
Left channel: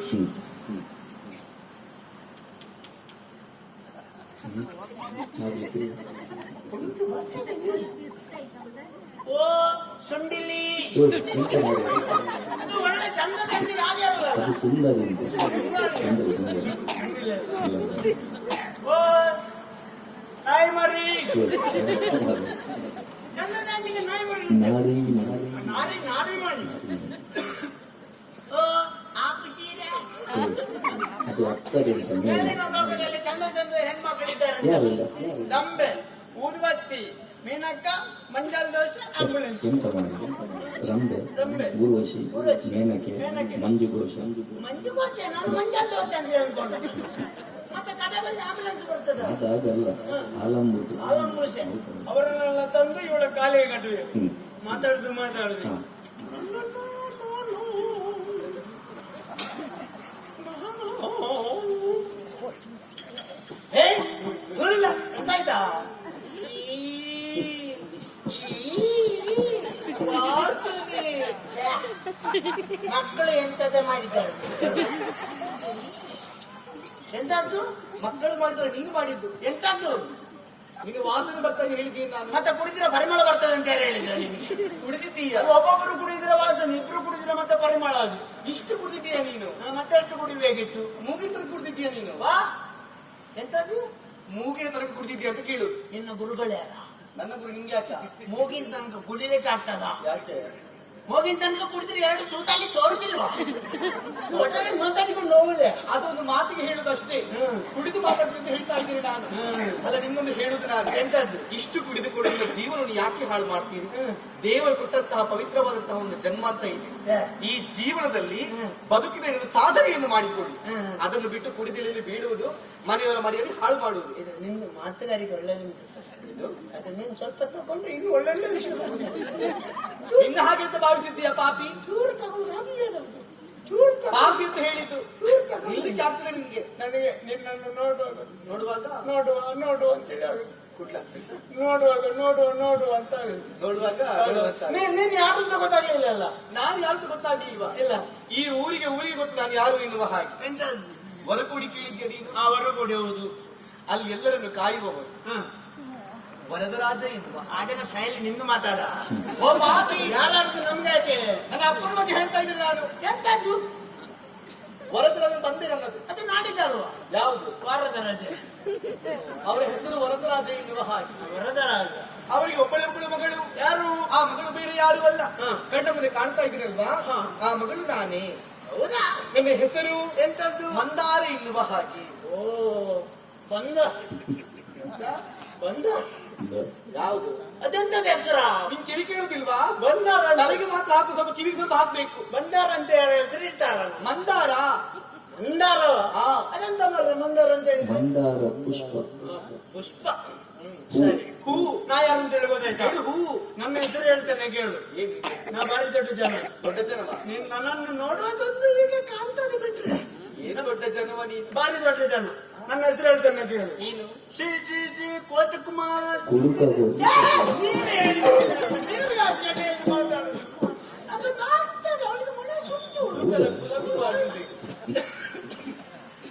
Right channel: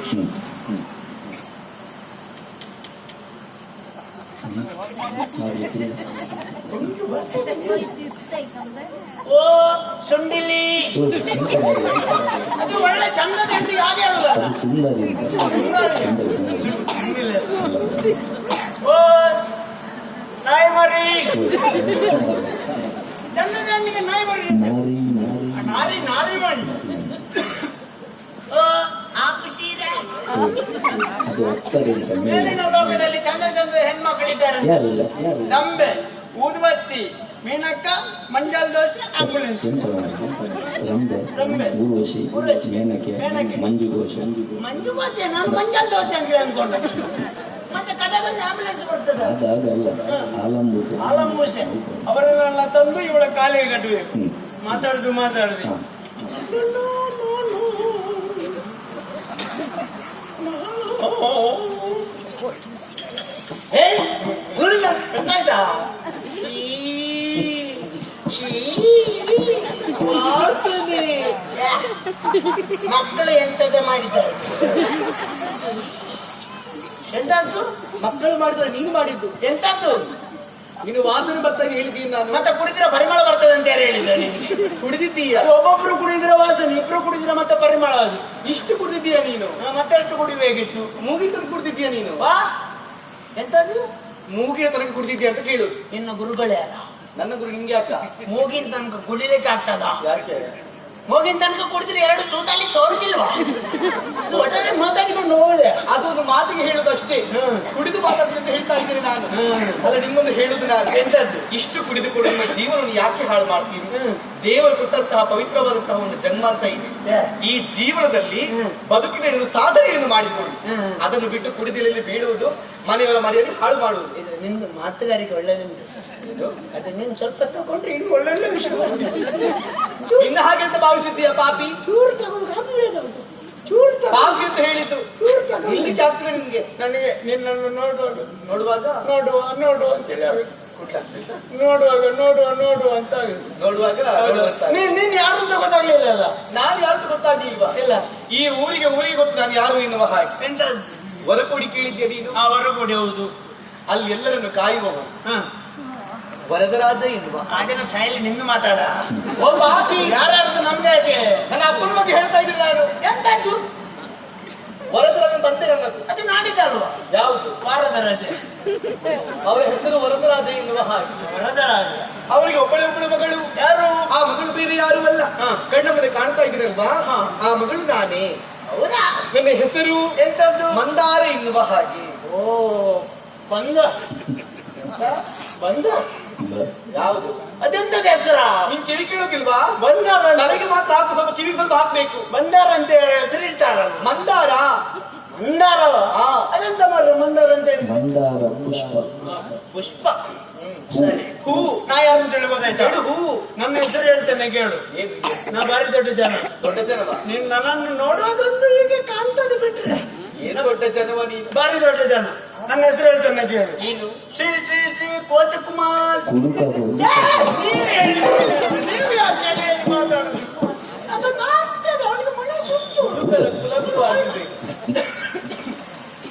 ಓ ಸುಂಡಿಲಿ ಅದು ಒಳ್ಳೆ ಚಂದದ ಹೆಂಡಿ ಹಾಗೆ ಅಲ್ಲ ಸುಂದರಿ ಓ ನಾಯಿ ಮರಿ ಚಂದದ ಹೆಣ್ಣಿಗೆ ನಾಯಿ ಮರಿ ನಾರಿ ನಾರಿ ಮಾಡಿ ಓ ಆಪು ಸೀರೆ ಮೇಲಿನ ಲೋಕದಲ್ಲಿ ಚಂದ ಚಂದ ಹೆಣ್ಮಕ್ಳಿದ್ದಾರೆ. ದಂಬೆ ಊದುಬತ್ತಿ ಮೀನಕ್ಕ ಮಂಜಾಲ್ ದೋಸೆ ಆಂಬುಲೆನ್ಸ್ ರಂಬೆ ಊರ್ವಶಿ ಮೇನಕೆ ಮಂಜು ಗೋಸೆ. ನಾನು ಮಂಜಾಲ್ ದೋಸೆ ಅಂತ ಅನ್ಕೊಂಡೆ. ಮತ್ತೆ ಕಡೆ ಬಂದು ಆಂಬುಲೆನ್ಸ್ ಬರ್ತದೆ. ಅದಾಗಲ್ಲ ಆಲಂಬೂಸೆ ಅವರನ್ನೆಲ್ಲ ತಂದು ಇವಳ ಕಾಲಿಗೆ ಕಟ್ಟಬೇಕು. ಮಾತಾಡುದು ಗೊತ್ತಾಯ್ತಾ? ಮಕ್ಕಳು ಎಂತದೇ ಮಾಡಿದ್ದಾರೆ. ಎಂತದ್ದು ಮಕ್ಕಳು ಮಾಡಿದ್ರೆ ನೀನು ಮಾಡಿದ್ದು ಎಂತದ್ದು? ನೀನು ವಾಸನೆ ಬರ್ತದೆ ಹೇಳಿದ್ದೀನಿ ನಾನು. ಮತ್ತೆ ಕುಡಿದ್ರೆ ಪರಿಮಳ ಬರ್ತದೆ ಅಂತ ಯಾರು ಹೇಳಿದ ನಿನ್ಗೆ? ಕುಡಿದಿದ್ದೀಯ. ಒಬ್ಬೊಬ್ರು ಕುಡಿದ್ರೆ ವಾಸನೆ, ಇಬ್ರು ಕುಡಿದ್ರೆ ಮತ್ತೆ ಪರಿಮಳ. ಅದು ಇಷ್ಟು ಕುಡಿದಿದ್ದೀಯ ನೀನು. ಮತ್ತೆ ಎಷ್ಟು ಕುಡಿಬೇಕಿತ್ತು? ಮೂಗಿನ ಕುಡಿದಿದ್ದೀಯ ನೀನು. ವಾ ಎಂತದ್ದು ಮೂಗಿನ ತನಕ ಕುಡಿದಿದ್ದೀಯ ಅಂತ ಕೇಳು. ನಿನ್ನ ಗುರುಗಳೇ ಅಲ್ಲ. ನನ್ನ ಗುರು ನಿಂಗೆ ಅಕ್ಕ. ಮೂಗಿನ ತನಕ ಕುಡಿಲಿಕ್ಕೆ ಆಗ್ತದ? ಯಾಕೆ? ಮೂಗಿನ ತನಕ ಕುಡಿದ್ರೆ ಎರಡು ತೂತಲ್ಲಿ ಸೋರುದಿಲ್ವಾ? ಒಟ್ಟಲ್ಲಿ ಮಾತಾಡಿಕೊಂಡು ಹೋಗದೆ ಅದೊಂದು ಮಾತಿಗೆ ಹೇಳುದಷ್ಟೇ. ಕುಡಿದು ಮಾತಾಡ್ತೀನಿ ಅಂತ ಹೇಳ್ತಾ ಇದ್ದೀನಿ ನಾನು. ಅಲ್ಲ ನಿಮ್ಗೊಂದು ಹೇಳುದು ನಾನು. ಎಂತದ್ದು? ಇಷ್ಟು ಕುಡಿದು ಕೂಡ ನಿಮ್ಮ ಜೀವನವನ್ನು ಯಾಕೆ ಹಾಳು ಮಾಡ್ತೀರಿ? ದೇವರು ಕೊಟ್ಟಂತಹ ಪವಿತ್ರವಾದಂತಹ ಒಂದು ಜನ್ಮ ಅಂತ ಇದೆ. ಈ ಜೀವನದಲ್ಲಿ ಬದುಕಿನ ಸಾಧನೆಯನ್ನು ಮಾಡಿಕೊಳ್ಳಿ. ಅದನ್ನು ಬಿಟ್ಟು ಕುಡಿದಲ್ಲಿ ಬೀಳುವುದು, ಮನೆಯವರ ಮನೆಯಲ್ಲಿ ಹಾಳು ಮಾಡುವುದು. ಇದು ನಿಮ್ದು ಮಾತುಗಾರಿಕೆ ಒಳ್ಳೆದುಂಟು. ಅದು ನೀನು ಸ್ವಲ್ಪ ತಗೊಂಡ್ರೆ ಇನ್ನು ಒಳ್ಳೊಳ್ಳೆ ವಿಷಯ. ಇನ್ನು ಹಾಗೆ ಅಂತ ಭಾವಿಸಿದ್ದೀಯ ಪಾಪಿ? ಚೂರು ತಗೊಂಡು ಕಾಪಿ ಬೇಡ. ಪಾಪಿ ಅಂತ ಹೇಳಿದ್ದು ಇಲ್ಲಿ ಆಗ್ತದೆ ನಿಮ್ಗೆ. ನನಗೆ ನಿನ್ನನ್ನು ನೋಡುವಾಗ ನೋಡುವ ಅಂತೇಳಿ ನೋಡುವ ಅಂತ ನೋಡುವಾಗ ನೀನ್ ಯಾರು ಅಂತ ಗೊತ್ತಾಗ್ಲಿಲ್ಲ. ನಾನು ಯಾರು ಗೊತ್ತಾಗ್ಲಿಲ್ವಾ? ಇಲ್ಲ. ಈ ಊರಿಗೆ ಗೊತ್ತು ನಾನು ಯಾರು ಎನ್ನುವ ಹಾಗೆ. ಎಂತ ವರಕೋಡಿ ಕೇಳಿದ್ಯಾ ನೀನು? ಅವರು ಕೊಡಿ ಹೌದು. ಅಲ್ಲಿ ಎಲ್ಲರನ್ನು ಕಾಯುವವರು ಹ. ವರದರಾಜ ಎನ್ನುವ ಆಗಿನ ಶೈಲಿ ನಿಂದು ಮಾತಾಡ. ಓ ಬಾಪಿ, ಯಾರಾದ್ರು ನಮ್ಗೆ ಯಾಕೆ? ನನ್ನ ಅಪ್ಪನ ಬಗ್ಗೆ ಹೇಳ್ತಾ ಇದ್ದೀನಿ ನಾನು. ಎಂತದ್ದು? ವರದರಾಜ ತಂದೆ ನನ್ನದು. ಅದು ನಾಡಿದ್ದಲ್ವಾ? ಯಾವುದು? ವಾರದ ರಜೆ. ಅವರ ಹೆಸರು ವರದರಾಜ ಎನ್ನುವ ಹಾಗೆ. ವರದ ರಾಜ. ಅವರಿಗೆ ಒಬ್ಬಳು ಮಗಳು. ಯಾರು? ಆ ಮಗಳು ಬೇರೆ ಯಾರು ಅಲ್ಲ, ಕಣ್ಣ ಮುಂದೆ ಕಾಣ್ತಾ ಇದ್ದೀರಲ್ವಾ, ಆ ಮಗಳು ನಾನೇ. ಹೌದಾ? ನನ್ನ ಹೆಸರು ಎಂತದ್ದು? ಮಂದಾರ ಎನ್ನುವ ಹಾಗೆ. ಓ ಬಂದ ಬಂದ ಯಾವುದು? ಅದೆಂತದ ಹೆಸರ? ನೀನ್ ಕಿವಿ ಕೇಳೋದಿಲ್ವಾ? ಬಂದಾರ ತಲೆಗೆ ಮಾತ್ರ ಹಾಕು, ಸ್ವಲ್ಪ ಕಿವಿ ಸ್ವಲ್ಪ ಹಾಕ್ಬೇಕು. ಬಂದಾರ ಅಂತ ಹೆಸರಿಡ್ತಾರ. ಮಂದಾರ. ಮಂದಾರವ? ಹಾ. ಅದೆಂತ ಮಾಡ್ರ ಮಂದಾರ ಅಂತ ಹೇಳಿ? ಮಂದಾರ ಪುಷ್ಪ. ಪುಷ್ಪ. ಸರಿ. ಹೂ. ನಾ ಯಾರು ಅಂತ ಹೇಳಿ ಗೊತ್ತಾಯ್ತಾ? ಹೇಳು ಹೂ. ನನ್ನ ಹೆಸರು ಹೇಳ್ತೇನೆ ಕೇಳು. ಏನು ಇದೆ? ನಾ ಬಾರಿ ದೊಡ್ಡ ಜನ. ದೊಡ್ಡ ಜನವ? ನೀನ್ ನನ್ನನ್ನು ನೋಡುವಾಗಂತೂ ಹೀಗೆ ಕಾಣ್ತದೆ ಬಿಟ್ರೆ ಏನು ದೊಡ್ಡ ಜನವ ನೀನು? ಬಾರಿ ದೊಡ್ಡ ಜನ. ನನ್ನ ಹೆಸರು ಹೇಳ್ತೇನೆ ಕೇಳು. ನೀನು ಶ್ರೀ ಶ್ರೀ ಶ್ರೀ ಕೋಚಕುಮಾರ್. ಕುಡುಕರು. ನೀವ್ ಹೇಳಿ. ನೀವು ಯಾಕೆ ಹೇಳಿ ಮಾತಾಡುದು? ಅದು ನಾಟ್ಯದ ಅವಳಿಗೆ ಮಳೆ ಸುಟ್ಟು. ಹುಡುಗರ ಕುಲಗುರುವಾಗಿದೆ.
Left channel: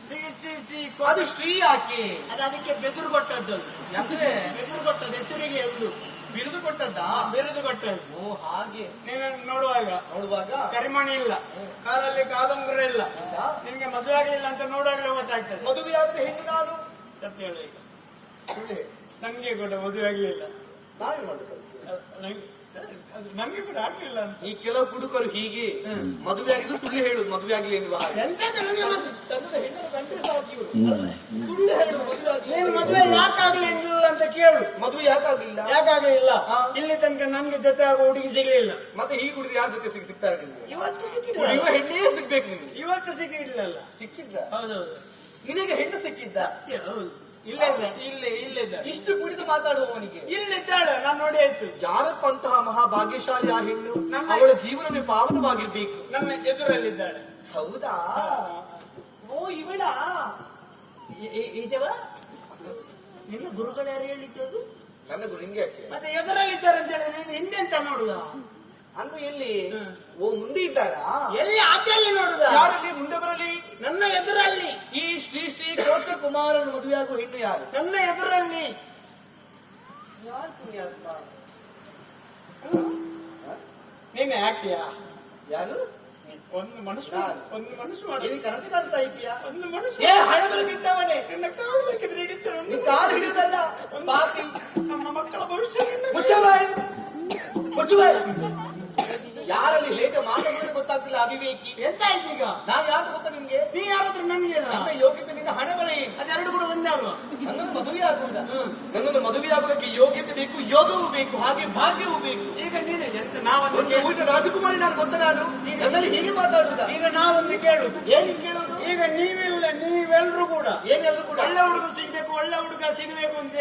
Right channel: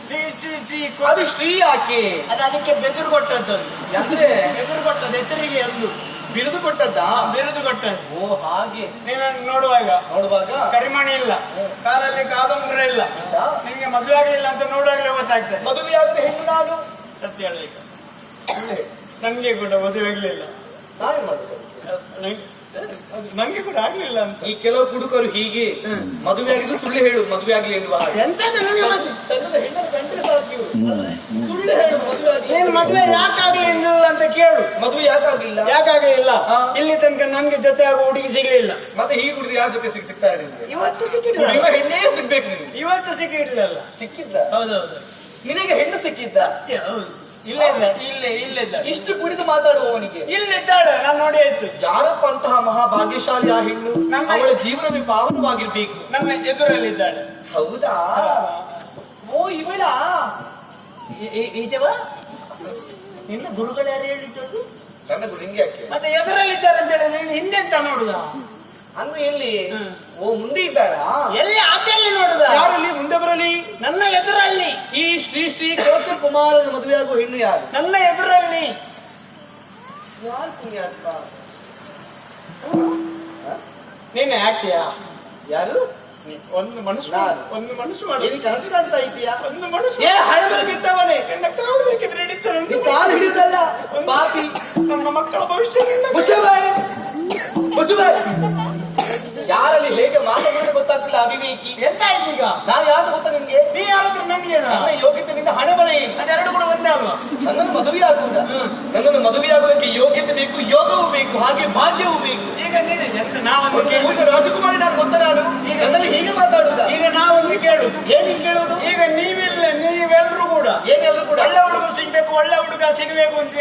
ಶ್ರೀ ಶ್ರೀ ಶ್ರೀ ಅದು ಶ್ರೀ ಯಾಕೆ? ಅದು ಅದಕ್ಕೆ ಬೆದರು ಕೊಟ್ಟದ್ದು. ಅಂದ್ರೆ ಬೆದರು ಕೊಟ್ಟದ್ದು ಹೆಸರಿಗೆ ಒಂದು ಬಿರುದು ಕೊಟ್ಟದ್ದಾ? ಬಿರುದು ಕೊಟ್ಟದ್ದು. ಓ ಹಾಗೆ. ನೀನು ನೋಡುವಾಗ ನೋಡುವಾಗ ಕರಿಮಣಿ ಇಲ್ಲ, ಕಾಲಲ್ಲಿ ಕಾದಂಬರ ಇಲ್ಲ, ನಿನ್ಗೆ ಮದುವೆ ಆಗಲಿಲ್ಲ ಅಂತ ನೋಡುವಾಗಲೇ ಗೊತ್ತಾಗ್ತದೆ. ಮದುವೆಯಾಗದ ಹೆಣ್ಣು ನಾನು. ಸತ್ಯ ಹೇಳಲಿಲ್ಲ, ಸುಳ್ಳೆ. ನಂಗೆ ಕೂಡ ಮದುವೆ ಆಗ್ಲಿಲ್ಲ. ನಾನೇ ಮಾಡ್ತೇನೆ. ನಂಗೆ ಕೂಡ ಆಗ್ಲಿಲ್ಲ ಅಂತ. ಈ ಕೆಲವು ಕುಡುಕರು ಹೀಗೆ ಮದುವೆ ಆಗಿದ್ದು ಸುಳ್ಳು ಹೇಳು, ಮದುವೆ ಆಗ್ಲಿ ಎನ್ನುವ ಹಾಗೆ. ಎಂತದ ನನಗೆ ಮತ್ತೆ? ತನ್ನದ ಹೆಣ್ಣನ್ನು ಗಂಟೆ ಸಾಕಿ ಸುಳ್ಳು ಹೇಳು, ಮದುವೆ ಆಗ್ಲಿ. ನೀನು ಮದುವೆ ಯಾಕಾಗ್ಲಿಲ್ಲ ಅಂತ ಕೇಳು. ಮದುವೆ ಯಾಕಾಗ್ಲಿಲ್ಲ? ಯಾಕಾಗಲಿಲ್ಲ? ಹಾ. ಇಲ್ಲಿ ತನಕ ನನ್ಗೆ ಜೊತೆ ಆಗೋ ಹುಡುಗಿ ಸಿಗ್ಲಿಲ್ಲ. ಮತ್ತೆ ಹೀಗೆ ಕುಡಿದು ಯಾರ ಜೊತೆ ಸಿಗ್ತಾರೆ ನಿಮ್ಗೆ? ಇವತ್ತು ಸಿಕ್ಕಿಲ್ಲ. ಕುಡಿಯುವ ಹೆಣ್ಣೇ ಸಿಗ್ಬೇಕು ನಿಮ್ಗೆ. ಇವತ್ತು ಸಿಕ್ಕಿರ್ಲಿಲ್ಲ. ಸಿಕ್ಕಿದ್ದ? ಹೌದೌದು. ನಿನಗೆ ಹೆಣ್ಣು ಸಿಕ್ಕಿದ್ದ? ಹೌದು. ಇಲ್ಲ ಇಲ್ಲ ಇಲ್ಲಿದ್ದ. ಇಷ್ಟು ಕುಡಿದು ಮಾತಾಡುವವನಿಗೆ ಇಲ್ಲಿದ್ದಾಳೆ, ನಾನು ನೋಡಿ ಆಯ್ತು. ಯಾರಪ್ಪ ಅಂತಹ ಮಹಾಭಾಗ್ಯಶಾಲಿ ಆ ಹೆಣ್ಣು? ಅವಳ ಜೀವನವೇ ಪಾವನವಾಗಿರ್ಬೇಕು. ನಮ್ಮ ಎದುರಲ್ಲಿದ್ದಾಳೆ. ಹೌದಾ? ಓ ಇವಳ ಈಜವ ನಿನ್ನ ಗುರುಗಳು ಯಾರು ಹೇಳಿದ್ದು? ನನ್ನ ಗುರು ಹಿಂಗೆ ಯಾಕೆ? ಮತ್ತೆ ಎದುರಲ್ಲಿದ್ದಾರೆ ಅಂತ ಹೇಳಿ ನೀನು ಹಿಂದೆ ಅಂತ ನೋಡುದ? ಅನ್ನು ಎಲ್ಲಿ? ಓ ಮುಂದೆ ಇದ್ದಾರಾ? ಎಲ್ಲಿ ಆಚೆಯಲ್ಲಿ ನೋಡುದ? ಯಾರಲ್ಲಿ ಮುಂದೆ ಬರಲಿ? ನನ್ನ ಎದುರಲ್ಲಿ. ಈ ಶ್ರೀ ಶ್ರೀ ಕೋಚ ಕುಮಾರನ ಮದುವೆಯಾಗುವ ಹೆಣ್ಣು ಯಾರು? ನನ್ನ ಎದುರಲ್ಲಿ. ಯಾರು ಪುಣ್ಯಾತ್ಮ? ನೀನು ಯಾಕೆಯಾ? ಯಾರು? ಒಂದು ಮನಸ್ಸು ಒಂದು ಮನಸ್ಸು ಮಾಡು. ಏನು ಕನಸು ಕಾಣ್ತಾ ಇದೀಯಾ? ಒಂದು ಮನಸ್ಸು. ಏ ಹಳಬರು ಬಿಟ್ಟವನೇ, ನನ್ನ ಕಾಲು ಬೇಕಿದ್ರೆ ಹಿಡಿತಾರೆ. ನೀ ಕಾಲು ಹಿಡಿಯುವುದಲ್ಲ ಪಾಪಿ. ನಮ್ಮ ಮಕ್ಕಳ ಭವಿಷ್ಯ ಮುಚ್ಚಬಾಯಿ, ಮುಚ್ಚಬಾಯಿ. ಯಾರಲ್ಲಿ ಹೇಗೆ ಮಾತನಾಡಿ ಗೊತ್ತಾಗ್ತಿಲ್ಲ ಅವಿವೇಕಿ. ಎಂತ ಈಗ? ನಾನು ಯಾರು ಗೊತ್ತಾ ನಿಮ್ಗೆ? ನೀ ಯಾರಾದ್ರೂ ನನ್ಗೆ ನನ್ನ ಯೋಗ್ಯತೆಯಿಂದ ಹಣೆ ಬರ ಏನು? ಅದೆರಡು ಕೂಡ ಒಂದೇ ಅಲ್ವಾ? ನನ್ನನ್ನು ಮದುವೆಯಾಗುವುದ? ನನ್ನನ್ನು ಮದುವೆಯಾಗುವುದಕ್ಕೆ ಯೋಗ್ಯತೆ ಬೇಕು, ಯೋಗವೂ ಬೇಕು, ಹಾಗೆ ಭಾಗ್ಯವೂ ಬೇಕು. ಈಗ ನೀನು ಎಂತ ನಾವೊಂದು ಒಂದು ಕೇಳು. ಊಟ ರಾಜಕುಮಾರಿ ನಾನು ಗೊತ್ತ ನಾನು ನನ್ನಲ್ಲಿ ಹೀಗೆ ಮಾತಾಡುದ? ಈಗ ನಾವೊಂದು ಕೇಳು. ಏನ್ ಕೇಳೋದು? ಈಗ ನೀವೆಲ್ಲರೂ ಕೂಡ ಏನೆಲ್ಲರೂ ಕೂಡ ಒಳ್ಳೆ ಹುಡುಗ ಸಿಗ್ಬೇಕು, ಒಳ್ಳೆ ಹುಡುಗ ಸಿಗಬೇಕು ಅಂತ